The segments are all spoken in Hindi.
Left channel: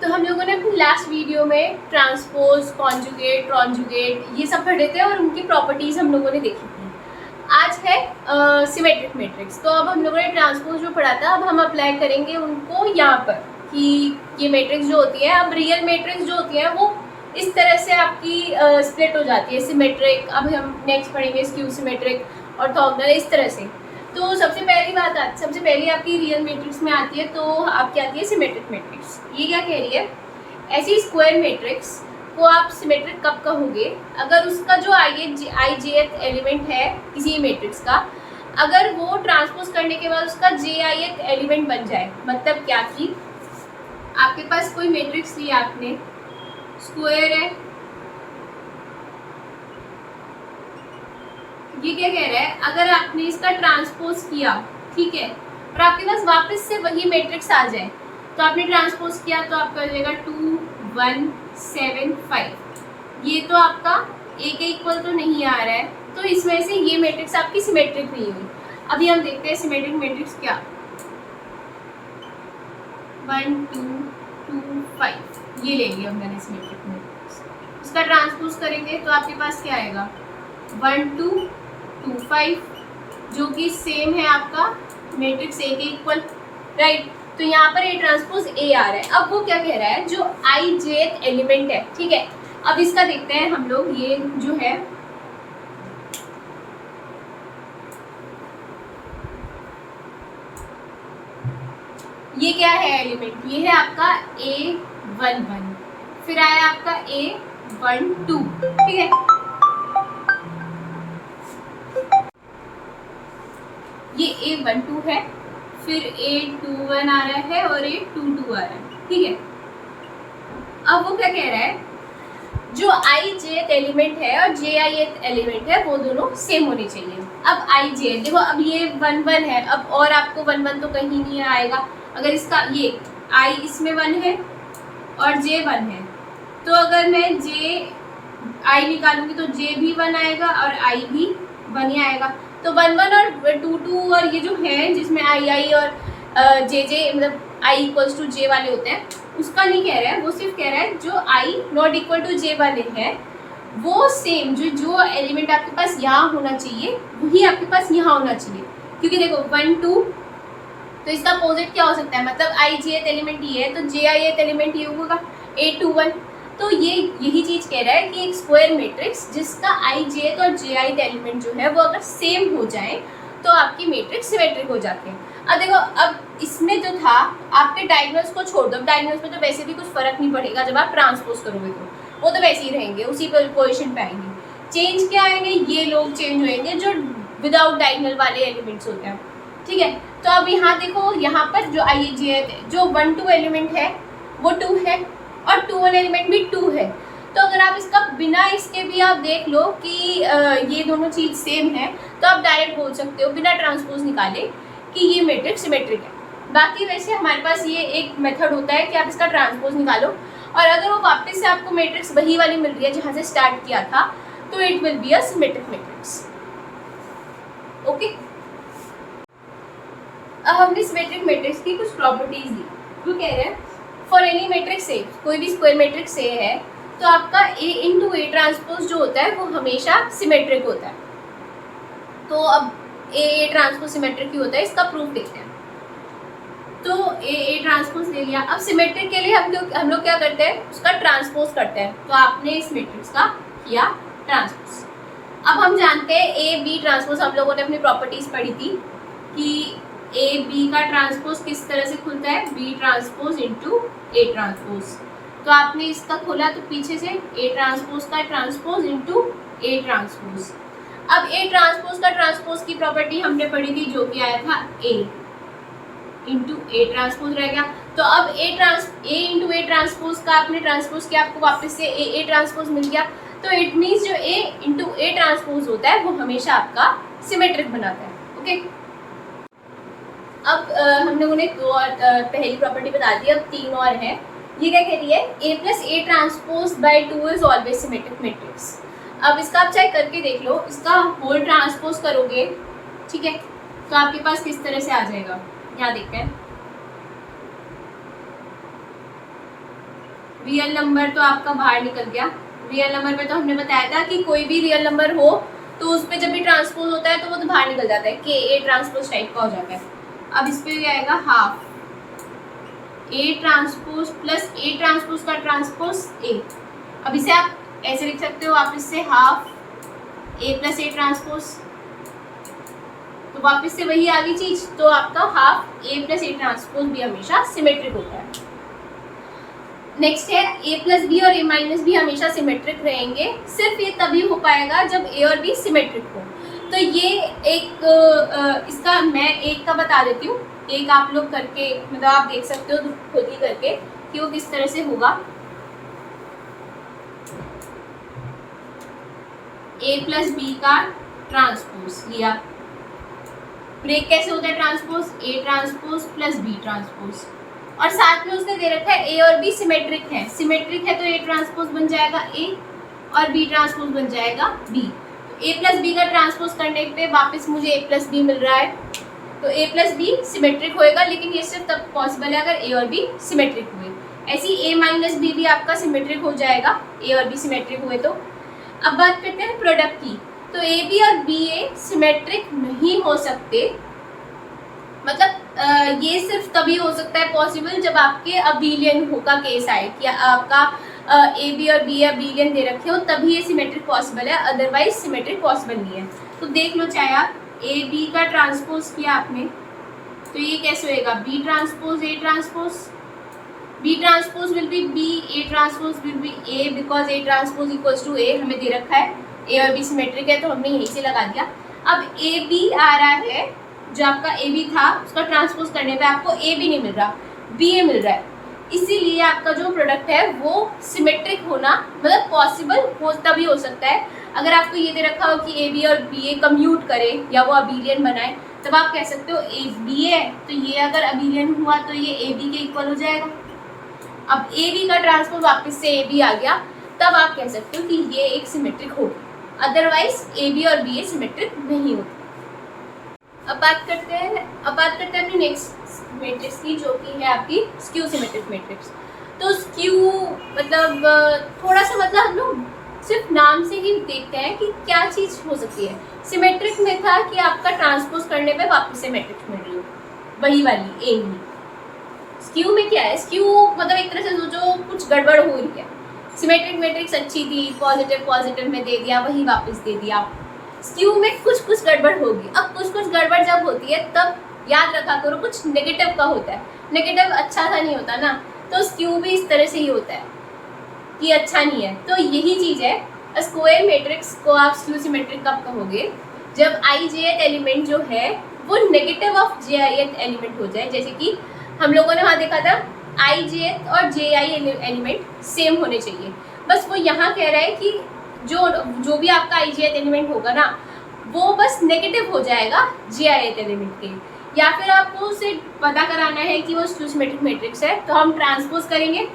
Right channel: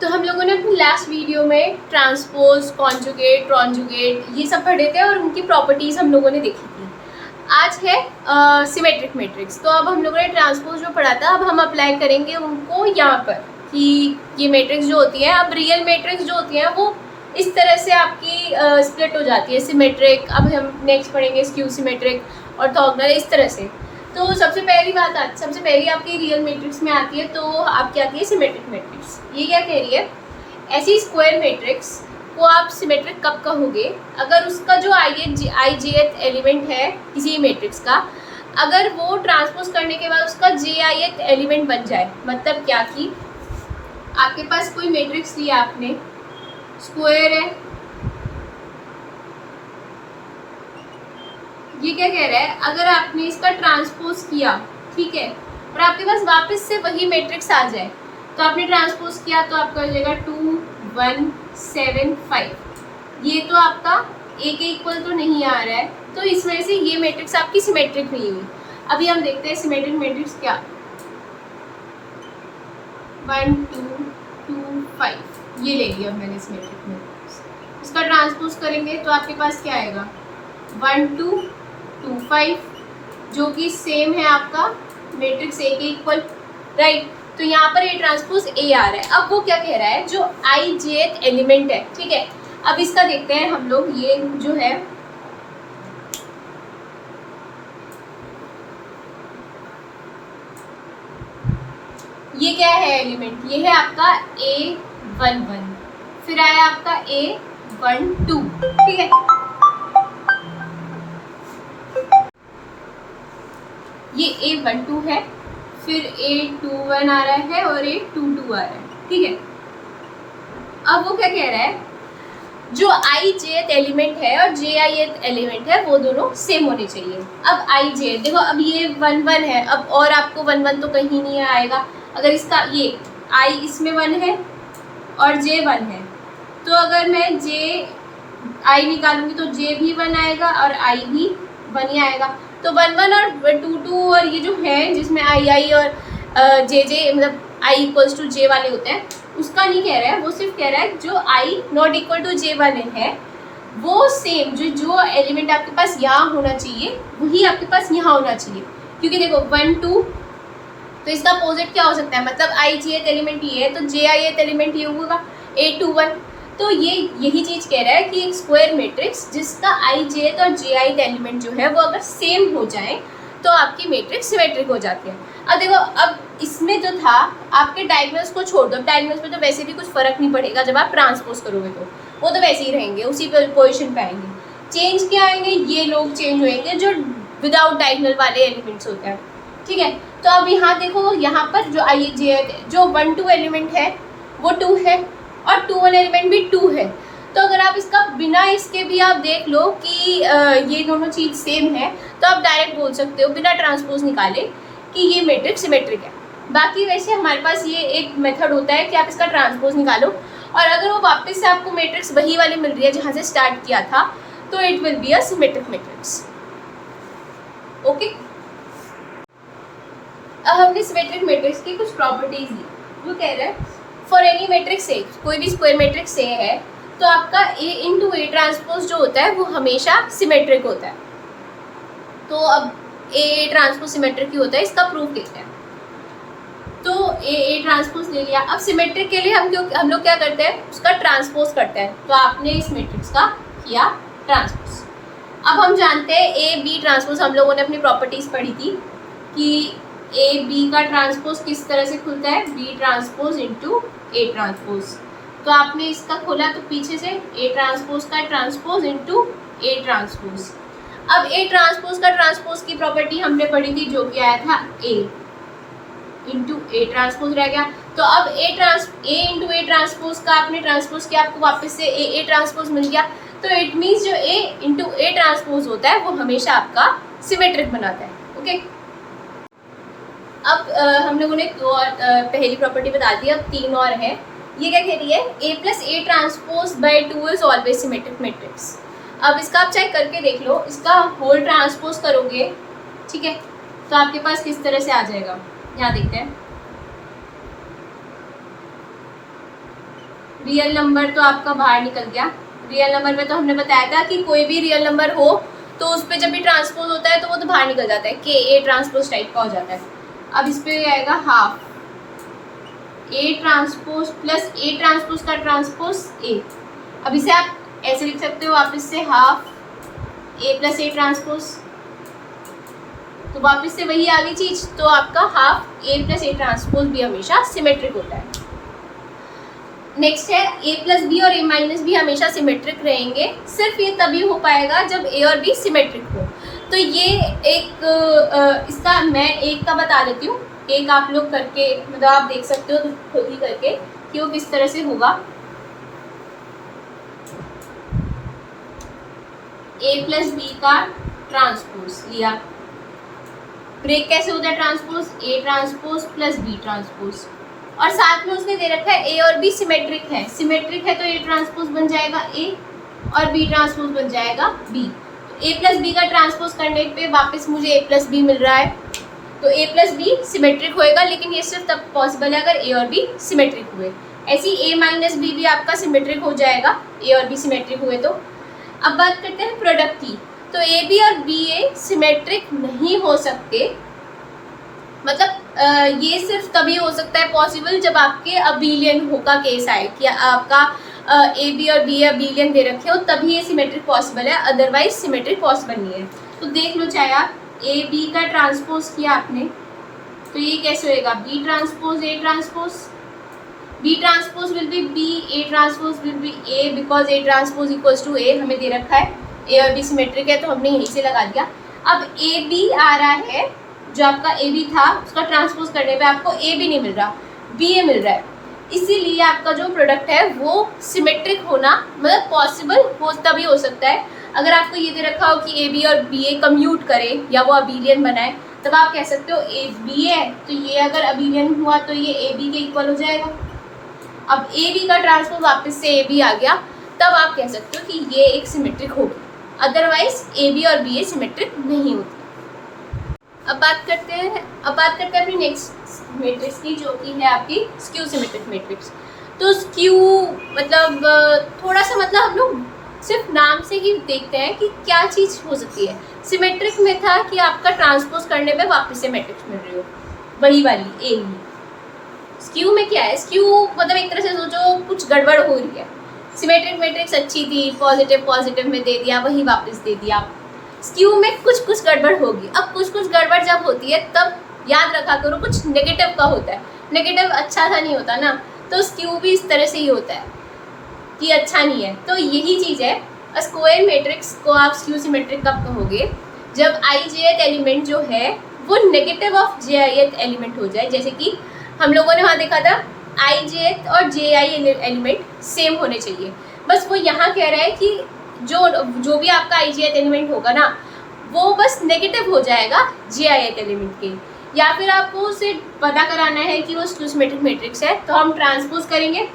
तो हम लोगों ने अपनी लास्ट वीडियो में ट्रांसपोज, कॉन्जुगेट, कॉन्जुगेट ये सब पढ़े थे और उनकी प्रॉपर्टीज़ हम लोगों ने देखी थी। आज है सिमेट्रिक मैट्रिक्स। तो अब हम लोगों ने ट्रांसपोज जो पढ़ा था, अब हम अप्लाई करेंगे उनको यहाँ पर कि ये मैट्रिक्स जो होती है, अब रियल मैट्रिक्स जो होती हैं वो इस तरह से आपकी स्प्लिट हो जाती है, सिमेट्रिक। अब हम नेक्स्ट पढ़ेंगे स्क्यू सिमेट्रिक, ऑर्थोगोनल, इस तरह से। तो सबसे पहली आपकी रियल मैट्रिक्स में आती है, तो आपकी आती है सिमेट्रिक मैट्रिक्स। ये क्या कह रही है, ऐसी स्क्वायर मैट्रिक्स को आप सिमेट्रिक कब कहोगे, अगर उसका जो आई जेथ एलिमेंट है किसी मैट्रिक्स का, अगर वो ट्रांसपोज करने के बाद उसका जे आई एलिमेंट बन जाए। मतलब क्या कि आपके पास कोई मैट्रिक्स लिया आपने, स्क्वायर है, ये क्या कह रहा है, अगर आपने इसका ट्रांसपोज किया, ठीक है, और आपके पास वापस से वही मैट्रिक्स आ जाए, तो आपने ट्रांसपोज किया तो आपका हो जाएगा 2 1 7 5। ये तो आपका ए के इक्वल तो नहीं आ रहा है, तो इस वजह से ये मैट्रिक्स आपकी सिमेट्रिक नहीं हुई। अभी हम देखते हैं सिमेट्रिक मैट्रिक्स क्या, 1 2 2 5 ये ले लिया मैंने सिमेट्रिक मैट्रिक्स। इसका ट्रांसपोज करेंगे तो आपके पास क्या आएगा, 1 2 2 5, जो कि सेम है आपका मैट्रिक्स ए के इक्वल, राइट। तो यहाँ पर ए ट्रांसपोज ए आ रहा है। अब वो क्या कह रहा है, जो आई जेथ एलिमेंट है, ठीक है, अब इसका देखते हैं हम लोग। ये जो है ये क्या है एलिमेंट, ये है आपका A11, फिर आया आपका A12, ठीक है, ये A12 है, फिर A21 आ रहा है और A22 आ रहा है, ठीक है। अब वो क्या कह रहा है, जो आई जेथ एलिमेंट है और जे आई एलिमेंट है वो दोनों सेम होने चाहिए। अब आई जेथ देखो, अब ये 1 1 है, अब और आपको 1 1 तो कहीं नहीं आएगा। अगर इसका ये आई इसमें 1 है और जे 1 है, तो अगर मैं जे आई निकालूंगी तो जे भी 1 आएगा और आई भी 1 ही आएगा। तो 1 1 और 2 2 और ये जो है जिसमें आई आई और जे जे मतलब आई इक्वल्स टू जे वाले होते हैं, उसका नहीं कह रहा है, वो सिर्फ कह रहा है जो आई नॉट इक्वल टू जे वाले हैं वो सेम, जो एलिमेंट आपके पास यहाँ होना चाहिए वही आपके पास यहाँ होना चाहिए। क्योंकि देखो 1 2, तो इसका अपोजिट क्या हो सकता है, मतलब आई जे एलिमेंट ये है तो जे आई एलिमेंट ये होगा A21। तो ये यही चीज़ कह रहा है कि एक स्क्वायर मैट्रिक्स जिसका आई जे और जे आई एलिमेंट जो है वो अगर सेम हो जाए तो आपकी मैट्रिक्स सिमेट्रिक हो जाती है। अब देखो, अब इसमें जो था आपके डायगोनल्स को छोड़ दो, डायगोनल्स में तो वैसे भी कुछ फर्क नहीं पड़ेगा, जब आप ट्रांसपोज करोगे तो वो तो वैसे ही रहेंगे, उसी पोजिशन पे आएंगे। चेंज क्या आएंगे, ये लोग चेंज होएंगे जो विदाउट डायगोनल वाले एलिमेंट्स होते हैं, ठीक है। तो अब यहाँ देखो, यहाँ पर जो आई जे जो 1 2 एलिमेंट है वो 2 है और 2 1 एलिमेंट भी 2 है। तो अगर आप इसका बिना इसके भी आप देख लो कि ये दोनों चीज़ सेम है, तो आप डायरेक्ट बोल सकते हो बिना ट्रांसपोज निकाले कि ये मैट्रिक्स सिमेट्रिक है। बाकी वैसे हमारे पास ये एक मेथड होता है कि आप इसका ट्रांसपोज निकालो, और अगर वो वापस से आपको मैट्रिक्स वही वाली मिल रही है जहाँ से स्टार्ट किया था, तो it will be a symmetric matrix. Okay, अब हमने सिमेट्रिक मैट्रिक्स की कुछ प्रॉपर्टीज ली। वो कह रहे हैं फॉर एनी मैट्रिक्स ए, कोई भी स्क्वायर मैट्रिक्स ए है तो आपका ए इंटू ए ट्रांसपोज जो होता है वो हमेशा सिमेट्रिक होता है। तो अब ए ट्रांसपोज सिमेट्रिक ही होता है, इसका प्रूफ देखते हैं। तो ए ट्रांसपोज ले लिया। अब सिमेट्रिक के लिए हम लोग क्या करते हैं, उसका ट्रांसपोज करते हैं। तो आपने इस मैट्रिक्स का किया ट्रांसपोज। अब हम जानते हैं ए बी ट्रांसपोज, हम लोगों ने अपनी प्रॉपर्टीज पढ़ी थी कि ए बी का ट्रांसपोज किस तरह से खुलता है, B transpose into A transpose. तो आपने इसका खोला तो पीछे से ए ट्रांसपोज का ट्रांसपोज इंटू ए ट्रांसपोज। अब ए ट्रांसपोज का ट्रांसपोज की प्रॉपर्टी हमने पढ़ी थी जो कि आया था ए इंटू ए ट्रांसपोज रह गया। तो अब ए इंटू ए ट्रांसपोज का आपने ट्रांसपोज किया, आपको वापस से ए ट्रांसपोज मिल गया। तो इट मीन्स जो ए इंटू ए ट्रांसपोज होता है वो हमेशा आपका सिमेट्रिक बनाता है। ओके, अब हम लोगों ने दो और पहली प्रॉपर्टी बता दी, अब 3 और है। ये क्या कह रही है, A plus A transpose by 2 is always symmetric matrix. अब इसका आप चेक करके देख लो, इसका होल ट्रांसपोज करोगे, ठीक है, तो आपके पास किस तरह से आ जाएगा, यहाँ देखते हैं। रियल नंबर तो आपका बाहर निकल गया। रियल नंबर में तो हमने बताया था कि कोई भी रियल नंबर हो तो उस पर जब भी ट्रांसपोज होता है तो वो तो बाहर निकल जाता है, कि ए ट्रांसपोज टाइप का हो जाता है। अब इस पे आएगा half A transpose plus A transpose का ट्रांसपोज ए। अब इसे आप ऐसे लिख सकते हो वापस से, half A plus A transpose, तो वापस से वही आ गई चीज। तो आपका half A plus A transpose भी हमेशा सिमेट्रिक होता है। नेक्स्ट है ए प्लस बी और ए माइनस बी हमेशा सिमेट्रिक रहेंगे, सिर्फ ये तभी हो पाएगा जब ए और बी सिमेट्रिक हो। तो ये एक इसका मैं एक का बता देती हूँ, एक आप लोग करके मतलब आप देख सकते हो तो खुद ही करके कि वो किस तरह से होगा। ए प्लस बी का ट्रांसपोज लिया, ब्रेक कैसे होता है transpose, A transpose plus B transpose, और साथ में उसने दे रखा है ए और बी सिमेट्रिक है। सिमेट्रिक है तो ए ट्रांसपोज बन जाएगा ए और बी ट्रांसपोज बन जाएगा बी। तो ए प्लस बी का ट्रांसपोज करने पे वापस मुझे ए प्लस बी मिल रहा है, तो ए प्लस बी सिमेट्रिक होएगा, लेकिन ये सिर्फ तब पॉसिबल है अगर ए और बी सिमेट्रिक हुए। ऐसी ए माइनस बी भी आपका सिमेट्रिक हो जाएगा ए और बी सिमेट्रिक हुए तो। अब बात करते हैं प्रोडक्ट की, तो ए बी और बी ए सिमेट्रिक नहीं हो सकते, मतलब ये सिर्फ तभी हो सकता है पॉसिबल जब आपके अबिलियन हो का केस आए कि आपका ए बी और बी अबिलियन दे रखे हो, तभी ये सिमेट्रिक पॉसिबल है, अदरवाइज सिमेट्रिक पॉसिबल नहीं है। तो देख लो, चाहे आप ए बी का ट्रांसपोज किया आपने तो ये कैसे होएगा, B transpose A transpose, B transpose will be B, A transpose will be A, because A transpose equals to A हमें दे रखा है, ए और बी सिमेट्रिक है तो हमने यहीं से लगा दिया। अब ए बी आ रहा है, जो आपका ए बी था उसका ट्रांसपोज करने पे आपको ए बी नहीं मिल रहा, बी ए मिल रहा है, इसीलिए आपका जो प्रोडक्ट है वो सिमेट्रिक होना मतलब पॉसिबल हो तभी हो सकता है अगर आपको ये दे रखा हो कि ए बी और बी ए कम्यूट करे या वो अबिलियन बनाए, तब आप कह सकते हो ए बी है तो ये अगर अबिलियन हुआ तो ये ए बी के इक्वल हो जाएगा। अब ए बी का ट्रांसपोज वापस से ए बी आ गया, तब आप कह सकते हो कि ये एक सिमेट्रिक होगी, अदरवाइज ए बी और बी ए सिमेट्रिक नहीं होती। अब बात करते हैं अपनी नेक्स्ट मैट्रिक्स की, जो कि है आपकी स्क्यू सिमेट्रिक मैट्रिक्स। तो स्क्यू मतलब थोड़ा सा मतलब हम लोग सिर्फ नाम से ही देखते हैं कि क्या चीज़ हो सकती है। सिमेट्रिक में था कि आपका ट्रांसपोज करने पे वापस से मैट्रिक्स मिल रही हो, वही वाली ए ही। स्क्यू में क्या है, स्क्यू मतलब एक तरह से सोचो कुछ गड़बड़ हो रही है। सिमेट्रिक मैट्रिक्स अच्छी थी, पॉजिटिव पॉजिटिव में दे दिया, वही वापस दे दिया। स्क्यू में कुछ कुछ गड़बड़ होगी। अब कुछ कुछ गड़बड़ जब होती है तब याद रखा करो कुछ नेगेटिव का होता है, नेगेटिव अच्छा सा नहीं होता ना, तो स्क्यू भी इस तरह से ही होता है कि अच्छा नहीं है। तो यही चीज़ है, स्क्वायर मैट्रिक्स को आप स्क्यू सिमेट्रिक कब कहोगे, जब आई जे एलिमेंट जो है वो negative of J I element हो जाए। जैसे कि हम लोगों ने वहाँ देखा था आई जे और जे आई एलिमेंट सेम होने चाहिए, बस वो यहाँ कह रहा है कि जो भी आपका आई जे एलिमेंट होगा ना वो बस नेगेटिव हो जाएगा जे आई एलिमेंट के, या फिर आपको उसे पता कराना है कि वो स्क्यू सिमेट्रिक मैट्रिक्स है तो हम ट्रांसपोज करेंगे।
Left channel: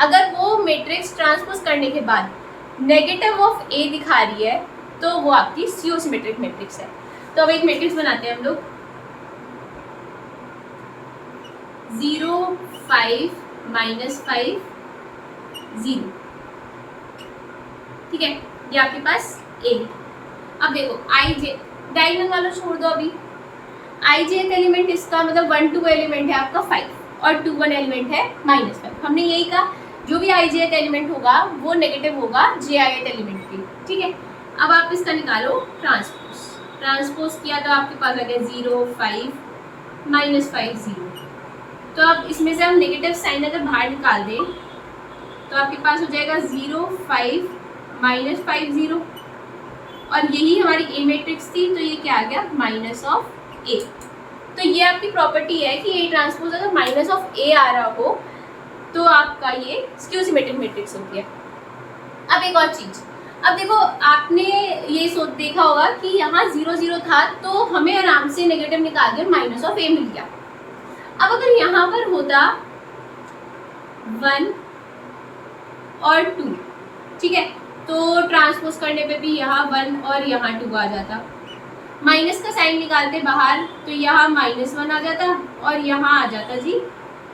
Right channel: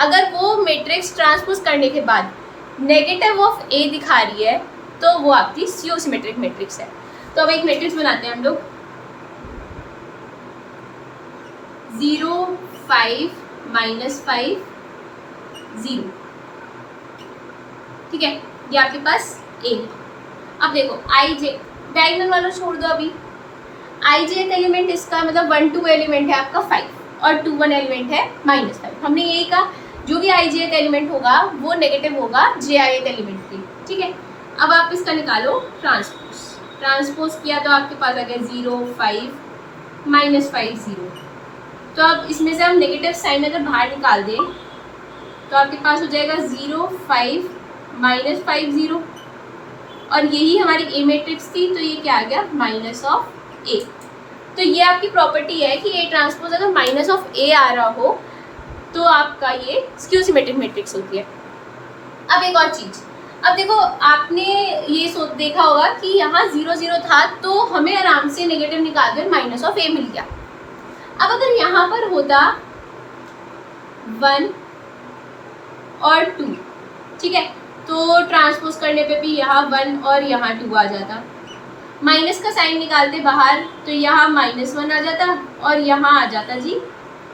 अगर वो मैट्रिक्स ट्रांसपोज करने के बाद नेगेटिव ऑफ ए दिखा रही है तो वो आपकी स्क्यू सिमेट्रिक मैट्रिक्स है। तो अब एक मैट्रिक्स बनाते हैं हम लोग, 0 5 -5 0, ठीक है, ये आपके पास ए है। अब देखो आई जे डायगोनल वाला छोड़ दो, अभी आई जे एलिमेंट इसका मतलब 1 2 एलिमेंट है आपका 5 और 2 1 एलिमेंट है -5। हमने यही कहा जो भी आई जे एलिमेंट होगा वो नेगेटिव होगा जे आई एलिमेंट की, ठीक है। अब आप इसका निकालो ट्रांसपोज किया तो आपके पास आ गया 0 5 -5 0। तो अब इसमें से हम नेगेटिव साइन अगर बाहर निकाल दें तो आपके पास हो जाएगा 0 5 -5 0, और यही हमारी ए मैट्रिक्स थी तो ये क्या आ गया माइनस ऑफ ए। तो ये आपकी प्रॉपर्टी है कि ए ट्रांसपोज अगर माइनस ऑफ ए आ रहा हो तो आपका ये स्क्यू सिमेट्रिक मैट्रिक्स होती है। अब एक और चीज़, अब देखो आपने ये देखा होगा कि यहाँ 0 0 था तो हमें आराम से नेगेटिव निकाल दें माइनस ऑफ ए मिल गया। अब अगर यहाँ पर होता 1 और 2, ठीक है, तो ट्रांसपोज करने पे भी यहाँ 1 और यहाँ 2 आ जाता, माइनस का साइन निकालते बाहर तो यहाँ -1 आ जाता और यहाँ आ जाता जी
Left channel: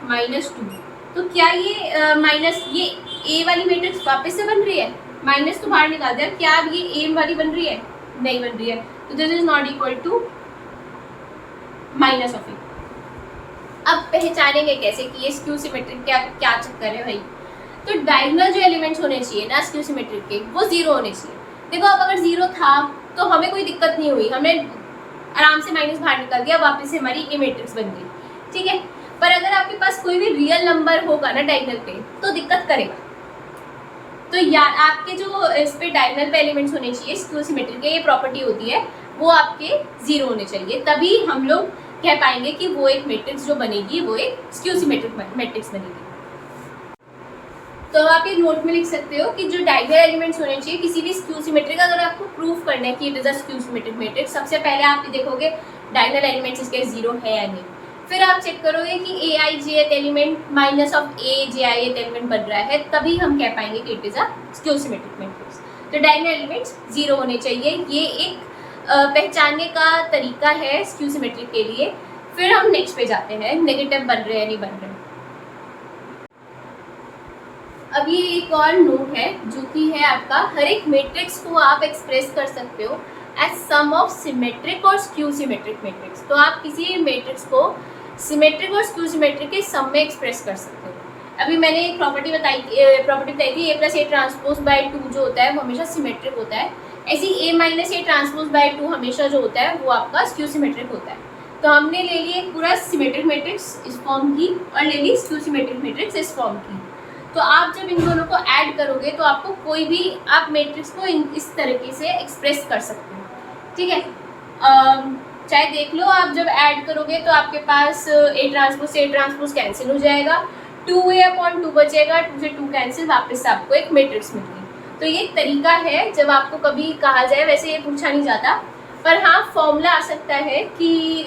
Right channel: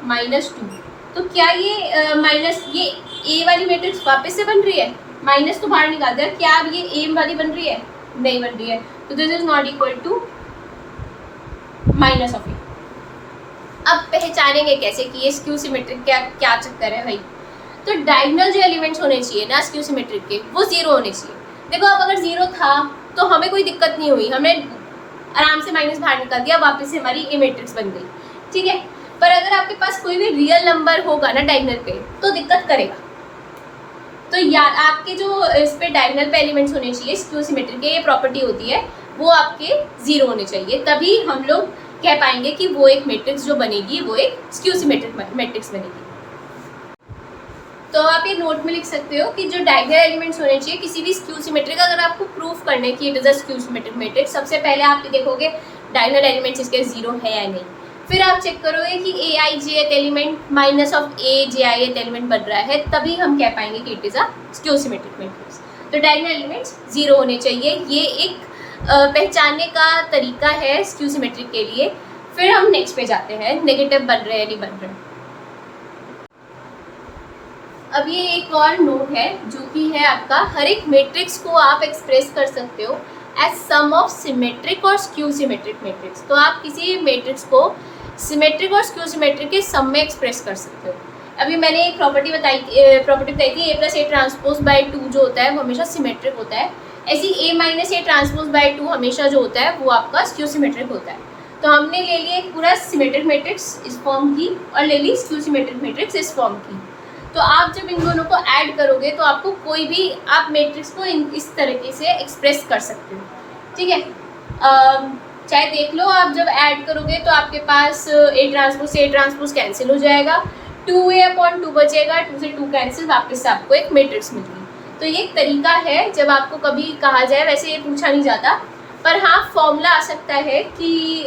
-2। तो क्या ये माइनस ये ए वाली मैट्रिक्स वापस से बन रही है, माइनस तो बाहर निकाल दिया, क्या अब ये ए वाली बन रही है? नहीं बन रही है, तो this is not equal to minus of A. अब पहचानेंगे कैसे कि ये स्क्यू सिमेट्रिक क्या क्या चक्कर है भाई? तो डायगोनल जो एलिमेंट्स होने चाहिए ना स्क्यू सिमेट्रिक के, वो जीरो होने चाहिए। देखो अब अगर जीरो था तो हमें कोई दिक्कत नहीं हुई, हमने आराम से माइनस बाहर निकाल दिया, वापस से हमारी ए मैट्रिक्स बन गई, ठीक है। पर अगर आपके पास कोई भी रियल नंबर होगा ना डायगोनल पे तो दिक्कत करेगा। तो यार आपके जो इस पे डायगोनल पे एलिमेंट्स होने चाहिए स्क्यू सिमेट्रिक के, ये प्रॉपर्टी होती है, वो आपके जीरो होने चाहिए, तभी हम लोग कह पाएंगे कि वो एक मैट्रिक्स जो बनेगी वो एक स्क्यू सिमेट्रिक मैट्रिक्स बनेगी। तो आप ये नोट में लिख सकते हो कि जो डायगोनल एलिमेंट्स होने चाहिए किसी भी स्क्यू सिमेट्रिक, अगर आपको प्रूफ करना है कि it is a skew symmetric matrix, सबसे पहले आप देखोगे डायगोनल एलिमेंट्स इसके जीरो है या नहीं, फिर आप चेक करोगे कि A I J element minus of A J I element बन रहा है, तभी हम कह पाएंगे कि it is a skew symmetric matrix. तो डायगोनल एलिमेंट्स जीरो होने चाहिए, ये एक पहचानने का तरीका है स्क्यू सिमेट्रिक के लिए। फिर हम नेक्स्ट पे जाते हैं, नेगेटिव बन रहे हैं नहीं बन रहे। अब ये एक और नोट है जो कि है आपका, हर एक मैट्रिक्स को आप एक्सप्रेस कर सकते हो एज सम ऑफ सिमेट्रिक और स्क्यू सिमेट्रिक मैट्रिक्स। तो आप किसी मैट्रिक्स को सिमेट्रिक और स्क्यू सिमेट्रिक के सम में एक्सप्रेस कर सकते हो। अभी मैंने एक प्रॉपर्टी बताई थी, A plus A transpose by two जो होता है वो हमेशा सिमेट्रिक होता है, ऐसी A minus A transpose by two हमेशा जो होता है वो आपका स्क्यू सिमेट्रिक होता है। तो हमने ले लिया एक पूरा सिमेट्रिक मैट्रिक्स इस फॉर्म की और ले ली स्क्यू सिमेट्रिक मैट्रिक्स इस फॉर्म की। तो आप जब इन दोनों को ऐड करोगे तो आपको कोई भी आप मैट्रिक्स को इस तरीके से एक्सप्रेस कर सकते हो, ठीक है। चाहे देख लो आप जब ऐड करोगे तो आपके पास ए ट्रांसपोज कैंसिल हो जाएगा, 2a/2 बचेगा, 2 से 2 कैंसिल, वापस से आपको एक मैट्रिक्स मिलेगी। तो ये एक तरीका है जब आपको कभी कहा जाए, वैसे ये पूछा नहीं जाता, पर हाँ फॉर्मूला आ सकता है कि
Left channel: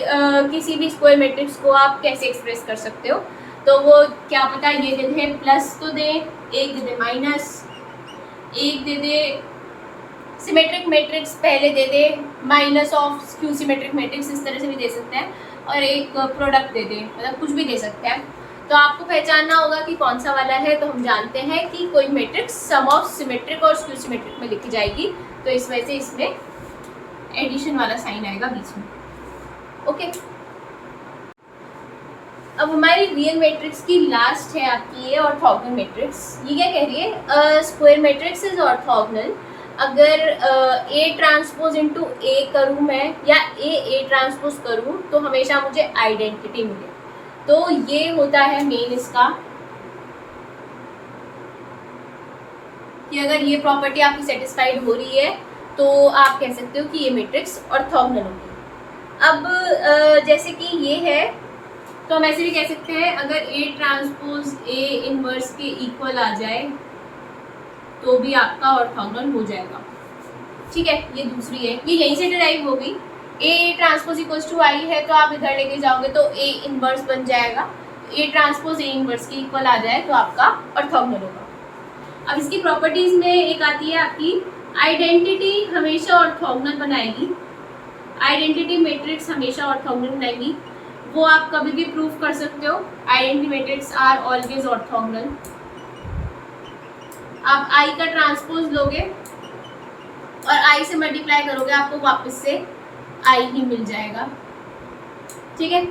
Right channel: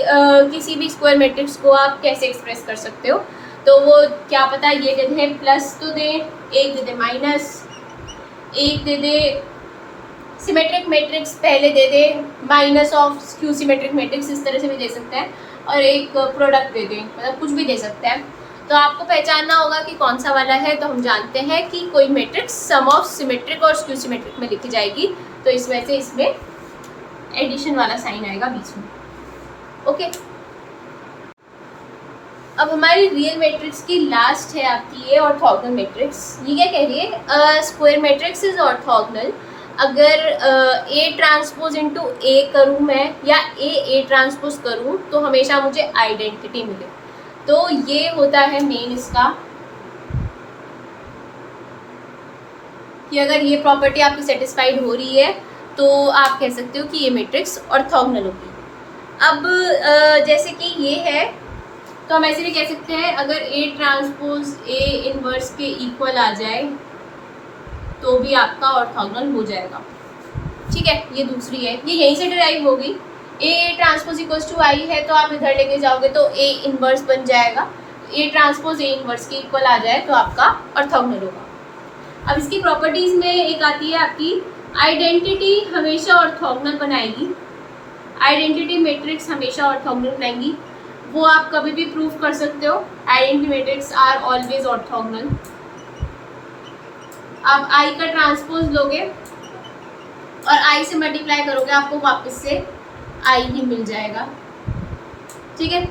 किसी भी स्क्वायर मैट्रिक्स को आप कैसे एक्सप्रेस कर सकते हो। तो वो क्या पता ये दे दे प्लस तो दे, एक दे दे माइनस, एक दे दे सिमेट्रिक मैट्रिक्स पहले दे दे minus of skew symmetric matrix, इस तरह से भी दे सकते हैं, और एक प्रोडक्ट दे दे, मतलब कुछ भी दे सकता है। तो आपको पहचानना होगा कि कौन सा वाला है। तो हम जानते हैं कि कोई मैट्रिक्स सम ऑफ सिमेट्रिक और स्क्यू सिमेट्रिक में लिखी जाएगी, तो इस वजह से इसमें एडिशन वाला साइन आएगा बीच में, ओके। अब हमारी रियल मैट्रिक्स की लास्ट है आपकी ये ऑर्थोगोनल मैट्रिक्स। ये क्या कह रही है? स्क्वायर मैट्रिक्स इज ऑर्थोगोनल अगर ए ट्रांसपोज इंटू ए करूँ मैं या ए ट्रांसपोज करूँ तो हमेशा मुझे आइडेंटिटी मिले। तो ये होता है मेन इसका कि अगर ये प्रॉपर्टी आपकी सेटिस्फाइड हो रही है तो आप कह सकते हो कि ये मैट्रिक्स ऑर्थोगोनल होगी। अब जैसे कि ये है तो हम ऐसे भी कह सकते हैं अगर ए ट्रांसपोज ए इनवर्स के इक्वल आ जाए तो भी आपका ऑर्थोगोनल हो जाएगा, ठीक है। ये दूसरी है, ये यहीं से डिराइव होगी। ए ट्रांसपोज इक्वल्स टू आई है तो आप इधर लेके जाओगे तो ए इनवर्स बन जाएगा, ए ट्रांसपोज ए इनवर्स के इक्वल आ जाए तो आपका ऑर्थोगोनल होगा। अब इसकी प्रॉपर्टीज़ में एक आती है आपकी आइडेंटिटी हमेशा ऑर्थोगोनल बनाएगी, आइडेंटिटी मैट्रिक्स हमेशा ऑर्थोगोनल बनाएंगी, वो आप कभी भी प्रूव कर सकते हो। Identity matrix are always orthogonal. आप आई का ट्रांसपोज लोगे और आई से मल्टीप्लाई करोगे आपको वापस से आई ही मिल जाएगा, ठीक है।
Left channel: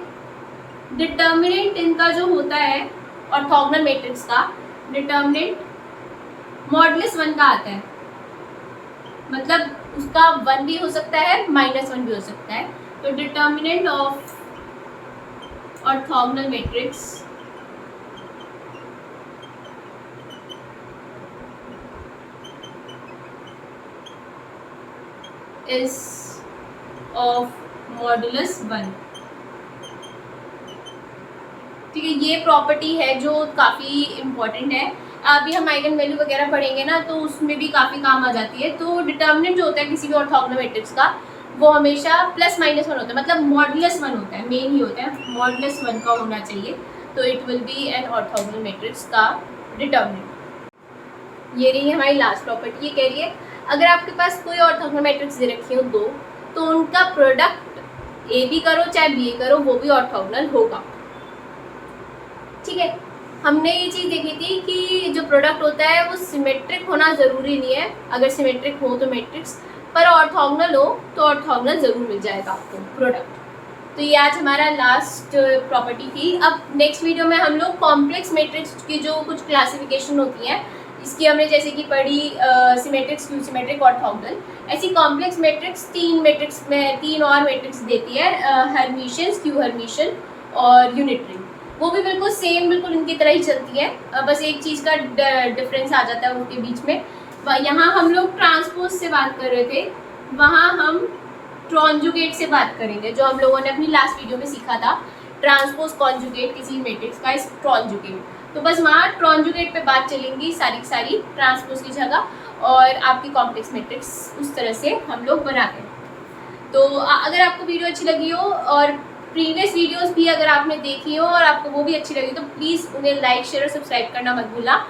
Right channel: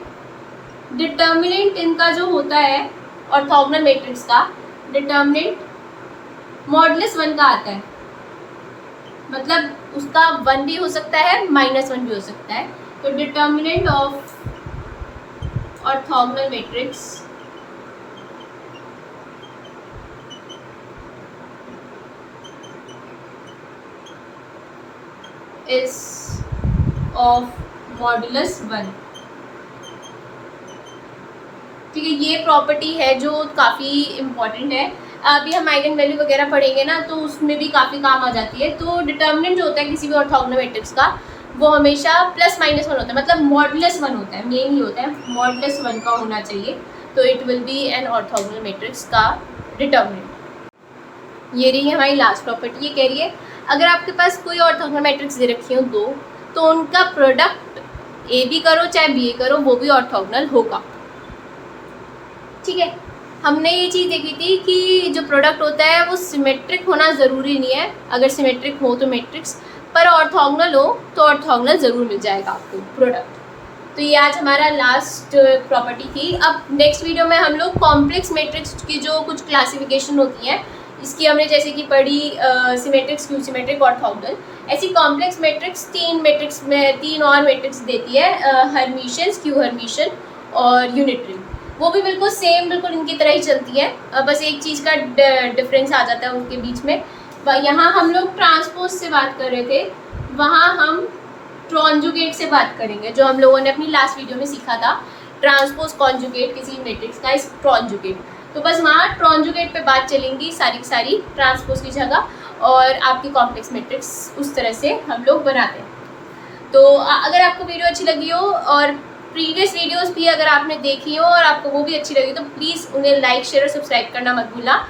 डिटर्मिनेंट इनका जो होता है ऑर्थोगोनल मैट्रिक्स का, डिटर्मिनेंट मॉडुलस 1 का आता है, मतलब उसका 1 भी हो सकता है -1 भी हो सकता है। तो determinant of orthogonal matrix is of modulus 1, ठीक है। ये प्रॉपर्टी है जो काफ़ी इम्पॉर्टेंट है। अभी हम आइगन वैल्यू वगैरह पढ़ेंगे ना तो उसमें भी काफ़ी काम आ जाती है। तो डिटर्मिनेंट जो होता है किसी भी ऑर्थोगोनल मैट्रिक्स का वो हमेशा +-1 होता है, मतलब मॉडुलस 1 होता है, मेन ही होता है मॉडुलस 1 का होना चाहिए। तो it will be an orthogonal matrix का डिटर्मिनेंट। ये रही हमारी लास्ट प्रॉपर्टी। ये कह रही है अगर आपके पास कोई ऑर्थोगोनल मैट्रिक्स दे रखी हो दो, तो उनका प्रोडक्ट ए भी करो चाहे बी करो वो भी ऑर्थोगोनल होगा, ठीक है। हमने ये चीज़ देखी थी कि जो प्रोडक्ट होता है वो सिमेट्रिक होना ज़रूरी नहीं है, अगर सिमेट्रिक हो तो मैट्रिक्स, पर ऑर्थोगोनल हो तो ऑर्थोगोनल ज़रूर मिल जाएगा आपको प्रोडक्ट। तो ये आज हमारा लास्ट प्रॉपर्टी थी। अब नेक्स्ट वीडियो में हम लोग कॉम्प्लेक्स मैट्रिक्स की जो कुछ क्लासिफिकेशन होती है, इसकी हमने जैसे कि पढ़ी सिमेट्रिक, स्क्यू सिमेट्रिक, ऑर्थोगोनल, ऐसी कॉम्प्लेक्स मैट्रिक्स तीन और मैट्रिक्स देती है, हर्मिशियन, स्क्यू हर्मिशियन और यूनिटरी। वो भी बिल्कुल सेम, बिल्कुल इनकी तरह ही चलती है, बस एक चीज़ का डिफरेंस आ जाता है उनके बीच में। यहाँ हम लोग ट्रांसपोज से बात कर रहे थे, वहाँ हम ट्रांजुगेट से बात करेंगे, जो हम लोगों ने अपनी लास्ट वीडियो में सीखा था, ट्रांसपोज कॉन्जुगेट किसी मैट्रिक्स का इस ट्रांजुगेट। तो बस वहाँ ट्रांजुगेट पे बात चलेंगी सारी की सारी ट्रांसपोज की जगह, और आपकी कॉम्प्लेक्स मैट्रिक्स उस तरह से हम लोग बनाते हैं। तो अगर आपको वीडियो अच्छी लगी हो और प्रीवियस वीडियोस भी अगर आपने देखी हो और आपको वो भी अच्छी लगी, तो प्लीज़ उन्हें लाइक, शेयर और सब्सक्राइब करना मत भूलना।